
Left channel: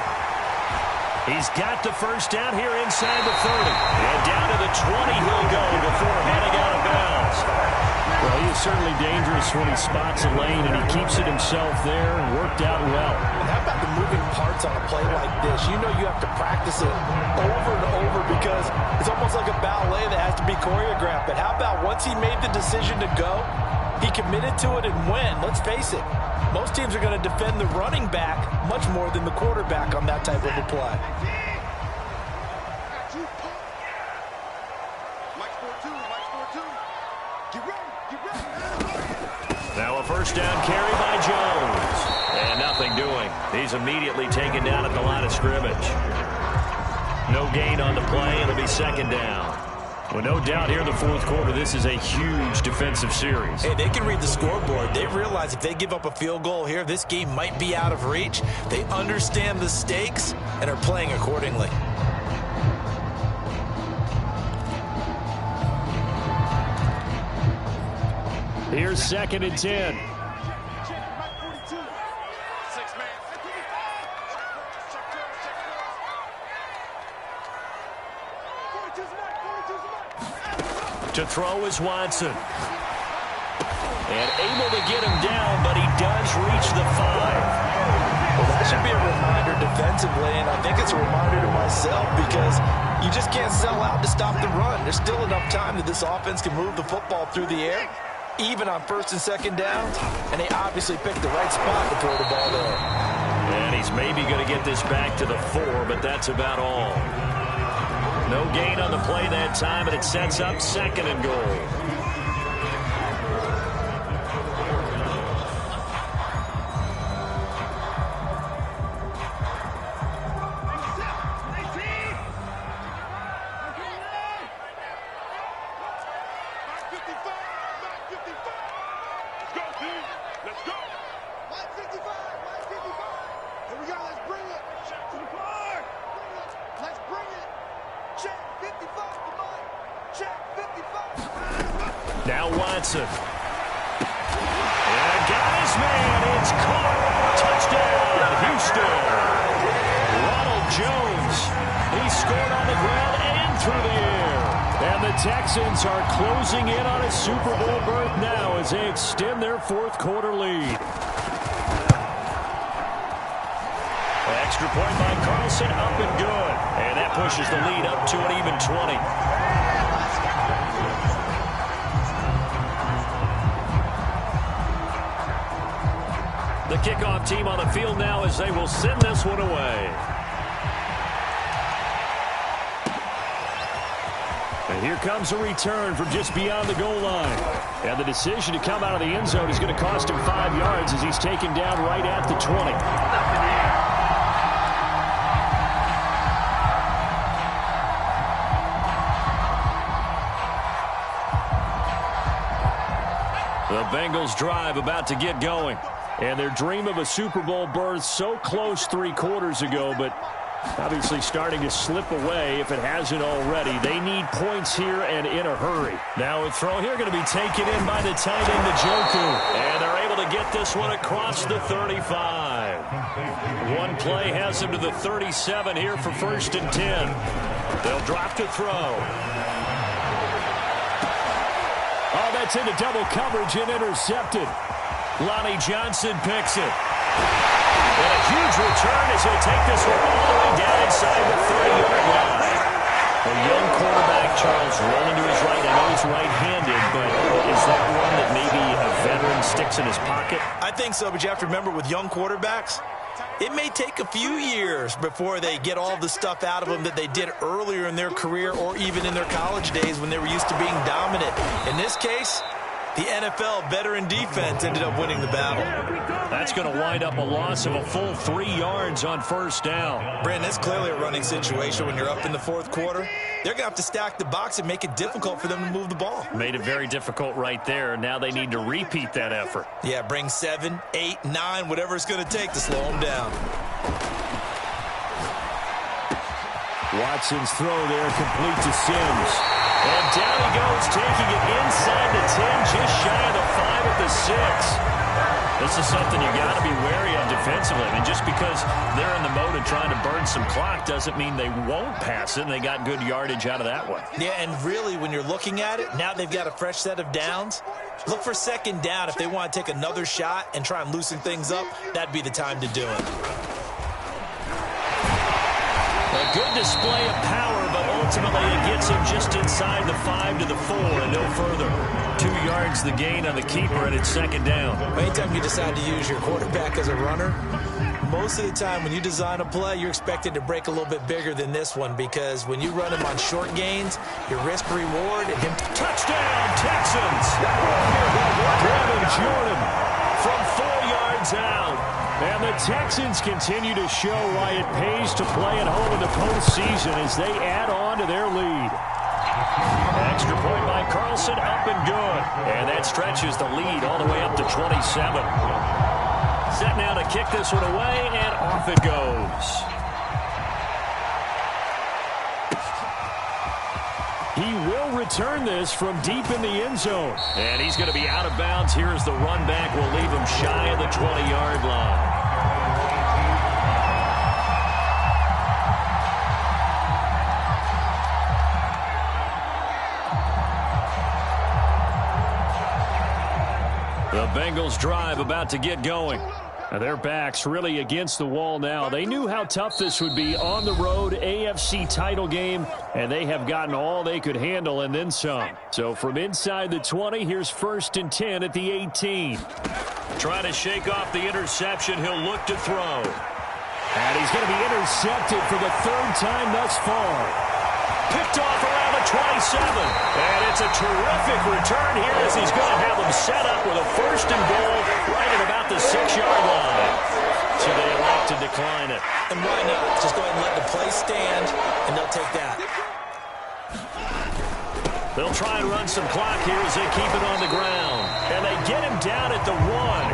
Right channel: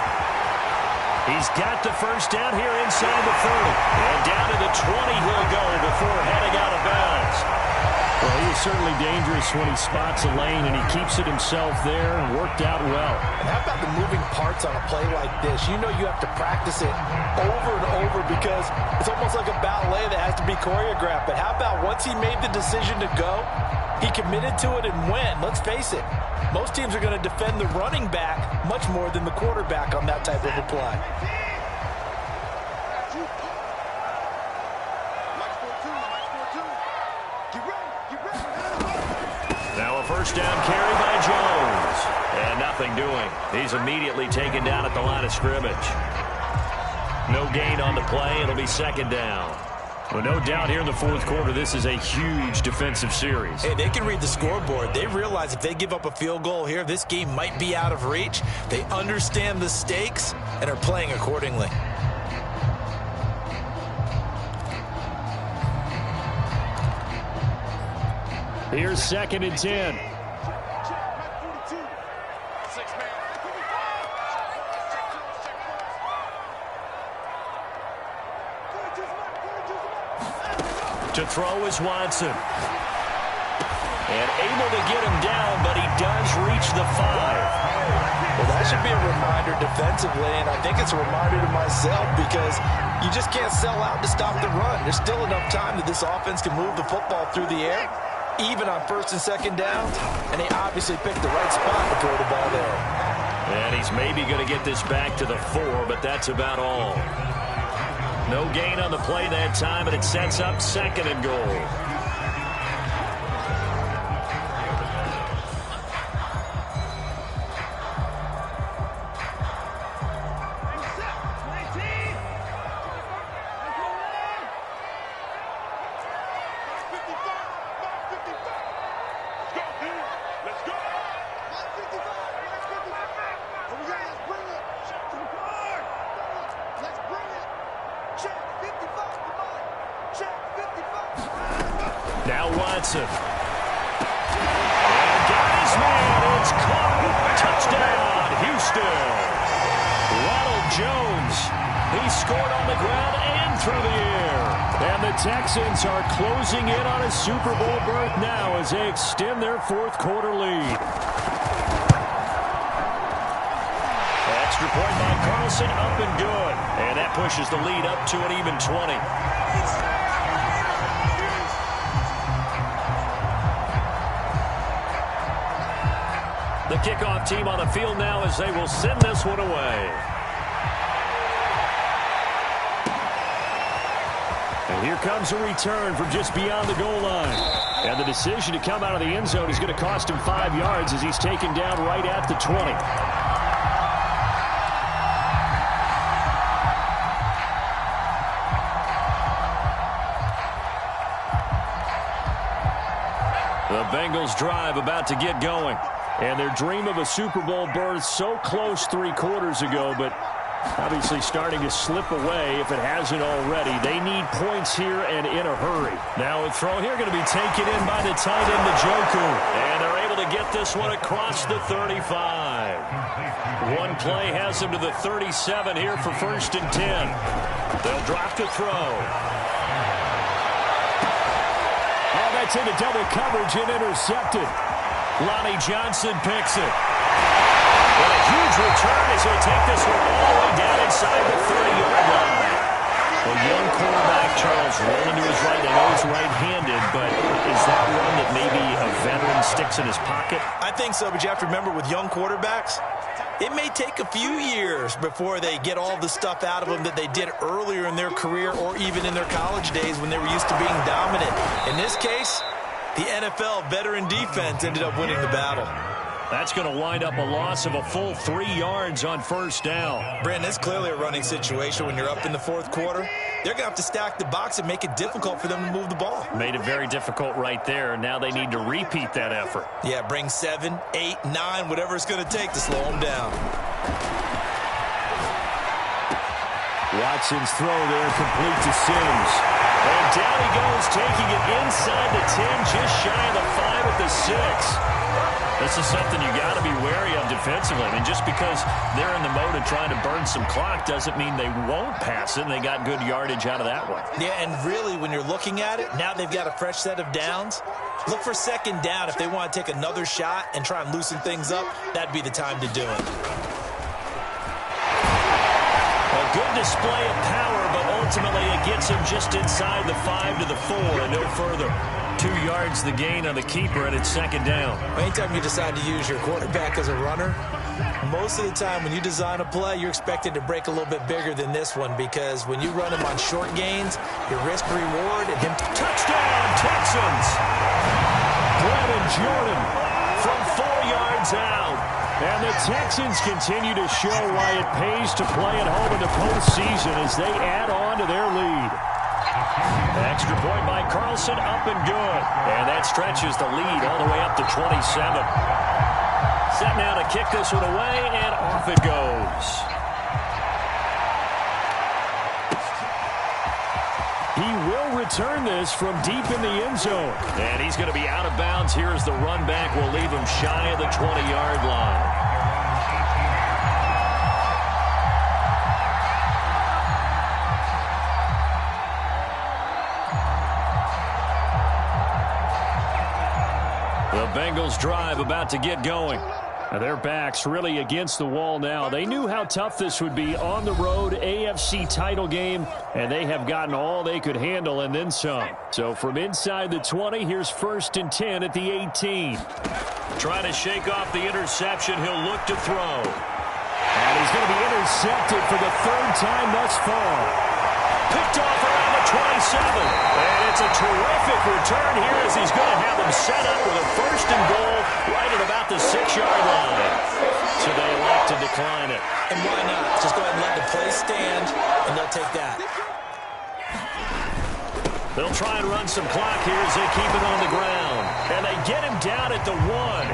He's got the first down here inside the 30. And down to the 20 he'll go before heading out of bounds. Well, he is certainly dangerous when he spots a lane, and he keeps it himself there and worked out well. And how about the moving parts on a play like this? You know you have to practice it over and over because it's almost like a ballet that has to be choreographed. But how about once he made the decision to go, he committed to it and went. Let's face it, most teams are going to defend the running back much more than the quarterback on that type of a play. Now a first down carry by Jones. And nothing doing. He's immediately taken down at the line of scrimmage. No gain on the play. It'll be second down. Well, no doubt here in the fourth quarter, this is a huge defensive series. Hey, they can read the scoreboard. They realize if they give up a field goal here, this game might be out of reach. They understand the stakes and are playing accordingly. Here's second and 10. To throw is Watson. And able to get him down, but he does reach the 5. Well, that should be a reminder defensively, and I think it's a reminder to myself because you just can't sell out to stop the run. There's still enough time that this offense can move the football through the air, even on first and second downs, and they obviously picked the right spot to throw the ball there. And he's maybe going to get this back to the 4, but that's about all. No gain on the play that time, and it sets up second and goal. Now Watson. And got his man. It's caught. Touchdown, Houston. Ronald Jones. He scored on the ground and through the air. And the Texans are closing in on a Super Bowl berth now as they extend their fourth quarter lead. Extra point by Carlson, up and good. And that pushes the lead up to an even 20. The kickoff team on the field now as they will send this one away. And here comes a return from just beyond the goal line. And the decision to come out of the end zone is going to cost him 5 yards as he's taken down right at the 20. The Bengals drive about to get going. And their dream of a Super Bowl berth so close 3 quarters ago, but obviously starting to slip away if it hasn't already. They need points here and in a hurry. Now a throw here going to be taken in by the tight end, Njoku. And they're able to get this one across the 35. One play has them to the 37 here for first and 10. They'll drop to throw. Oh, that's into double coverage and intercepted. Lonnie Johnson picks it. And a huge return as he'll take this one all the way down inside the 30-yard line. Charles rolling to his right. I know he's right-handed, but is that one that maybe a veteran sticks in his pocket? I think so, but you have to remember with young quarterbacks, it may take a few years before they get all the stuff out of them that they did earlier in their career or even in their college days when they were used to being dominant. In this case, the NFL veteran defense ended up winning the battle. That's going to wind up a loss of a full 3 yards on first down. Brandon, it's clearly a running situation when you're up in the fourth quarter. They're going to have to stack the box and make it difficult for them to move the ball. Made it very difficult right there. Now they need to repeat that effort. Yeah, bring 7, 8, 9, whatever it's going to take to slow them down. Watson's throw there complete to Sims. And down he goes, taking it inside the 10, just shy of the 5 at the 6. This is something you got to be wary of defensively. I mean, just because they're in the mode of trying to burn some clock doesn't mean they won't pass it, and they got good yardage out of that one. Yeah, and really, when you're looking at it, now they've got a fresh set of downs. Look for second down. If they want to take another shot and try and loosen things up, that'd be the time to do it. A good display of power, but ultimately it gets him just inside the 5 to the 4 and no further. 2 yards the gain on the keeper, and it's second down. Anytime you decide to use your quarterback as a runner, most of the time when you design a play, you're expected to break a little bit bigger than this one, because when you run him on short gains, your risk-reward and him... Touchdown, Texans! Brevin Jordan from 4 yards out. And the Texans continue to show why it pays to play at home in the postseason as they add on to their lead. Extra point by Carlson, up and good. And that stretches the lead all the way up to 27. Set now to kick this one away, and off it goes. He will return this from deep in the end zone. And he's going to be out of bounds here as the run back will leave him shy of the 20-yard line. The Bengals drive about to get going. Now their backs really against the wall now. They knew how tough this would be on the road, AFC title game, and they have gotten all they could handle and then some. So from inside the 20, here's 1st and 10 at the 18. Trying to shake off the interception, he'll look to throw. And he's going to be intercepted for the 3rd time thus far. Picked off around the 27. And it's a terrific return here as he's going to have them set up with a 1st and goal right at about the 6-yard line. So they elect to decline it. And why not? Just go ahead and let the play stand, and they'll take that. They'll try and run some clock here as they keep it on the ground. And they get him down at the 1.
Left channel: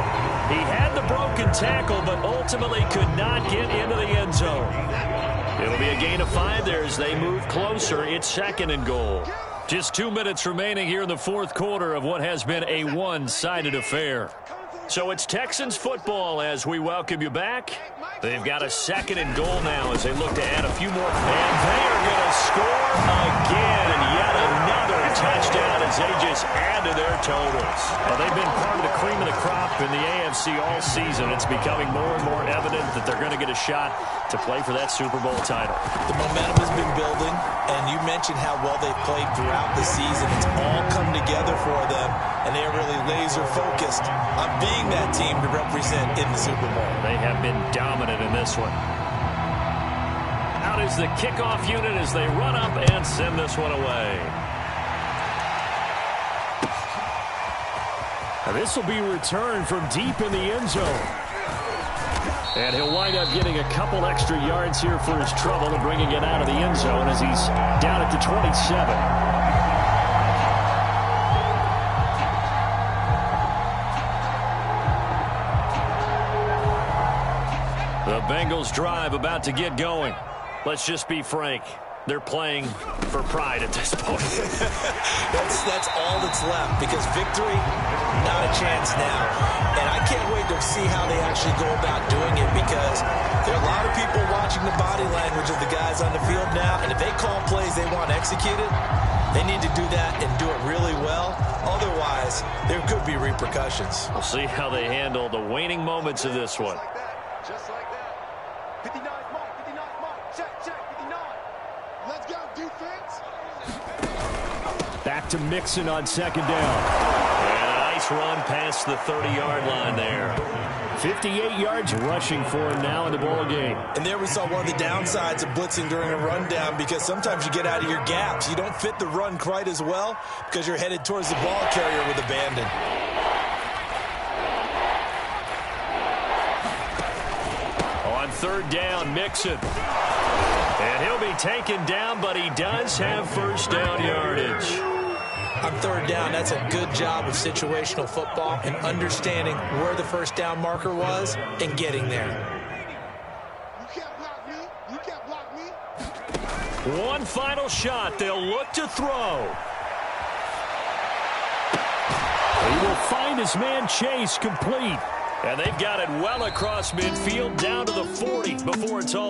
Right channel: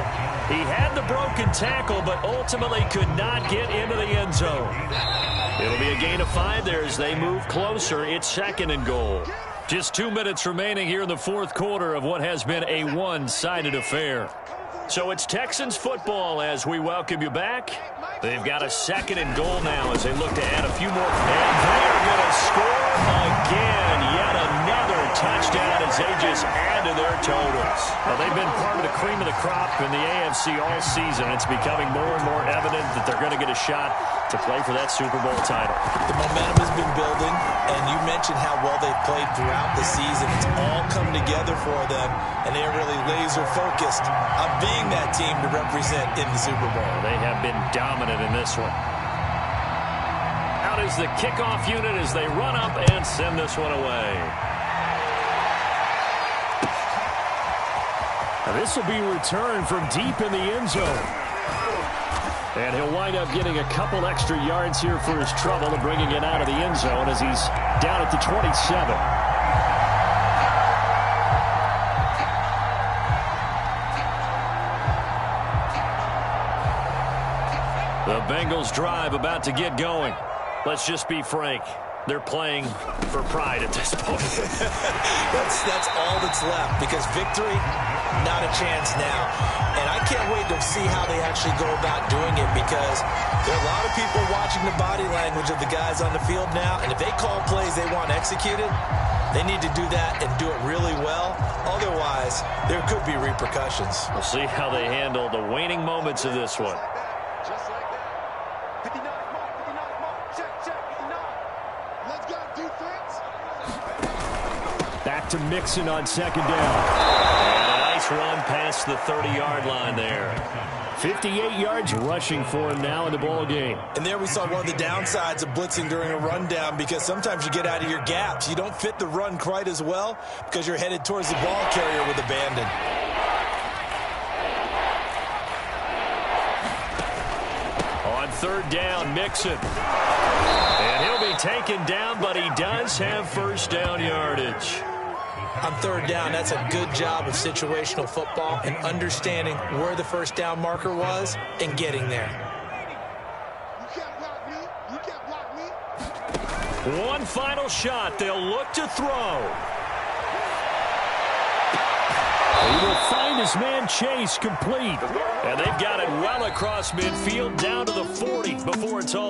He had the broken tackle, but ultimately could not get into the end zone. It'll be a gain of 5 there as they move closer. It's 2nd and goal. Just 2 minutes remaining here in the 4th quarter of what has been a one-sided affair. So it's Texans football as we welcome you back. They've got a 2nd and goal now as they look to add a few more. And they are going to score again. Yet another touchdown as they just add to their totals. Well, they've been part of the cream of the crop in the AFC all season. It's becoming more and more evident that they're going to get a shot to play for that Super Bowl title. The momentum has been building, and you mentioned how well they've played throughout the season. It's all come together for them, and they are really laser-focused on being that team to represent in the Super Bowl. They have been dominant in this one. Out is the kickoff unit as they run up and send this one away. Now this will be returned from deep in the end zone. And he'll wind up getting a couple extra yards here for his trouble and bringing it out of the end zone as he's down at the 27. The Bengals drive about to get going. Let's just be frank. They're playing for pride at this point. That's all that's left, because victory, not a chance now. And I can't wait to see how they actually go about doing it, because there are a lot of people watching the body language of the guys on the field now, and if they call plays they want executed, they need to do that and do it really well. Otherwise, there could be repercussions. We'll see how they handle the waning moments of this one. Just like that. 59 mark, check, 59. Let's go, defense. Back to Mixon on second down. And a nice run past the 30-yard line there. 58 yards rushing for him now in the ball game. And there we saw one of the downsides of blitzing during a rundown, because sometimes you get out of your gaps. You don't fit the run quite as well because you're headed towards the ball carrier with abandon. On third down, Mixon. And he'll be taken down, but he does have first down yardage. On third down, that's a good job of situational football and understanding where the first down marker was and getting there. You can't block me. You can't block me. One final shot. They'll look to throw. He will find his man Chase complete. And they've got it well across midfield down to the 40 before it's all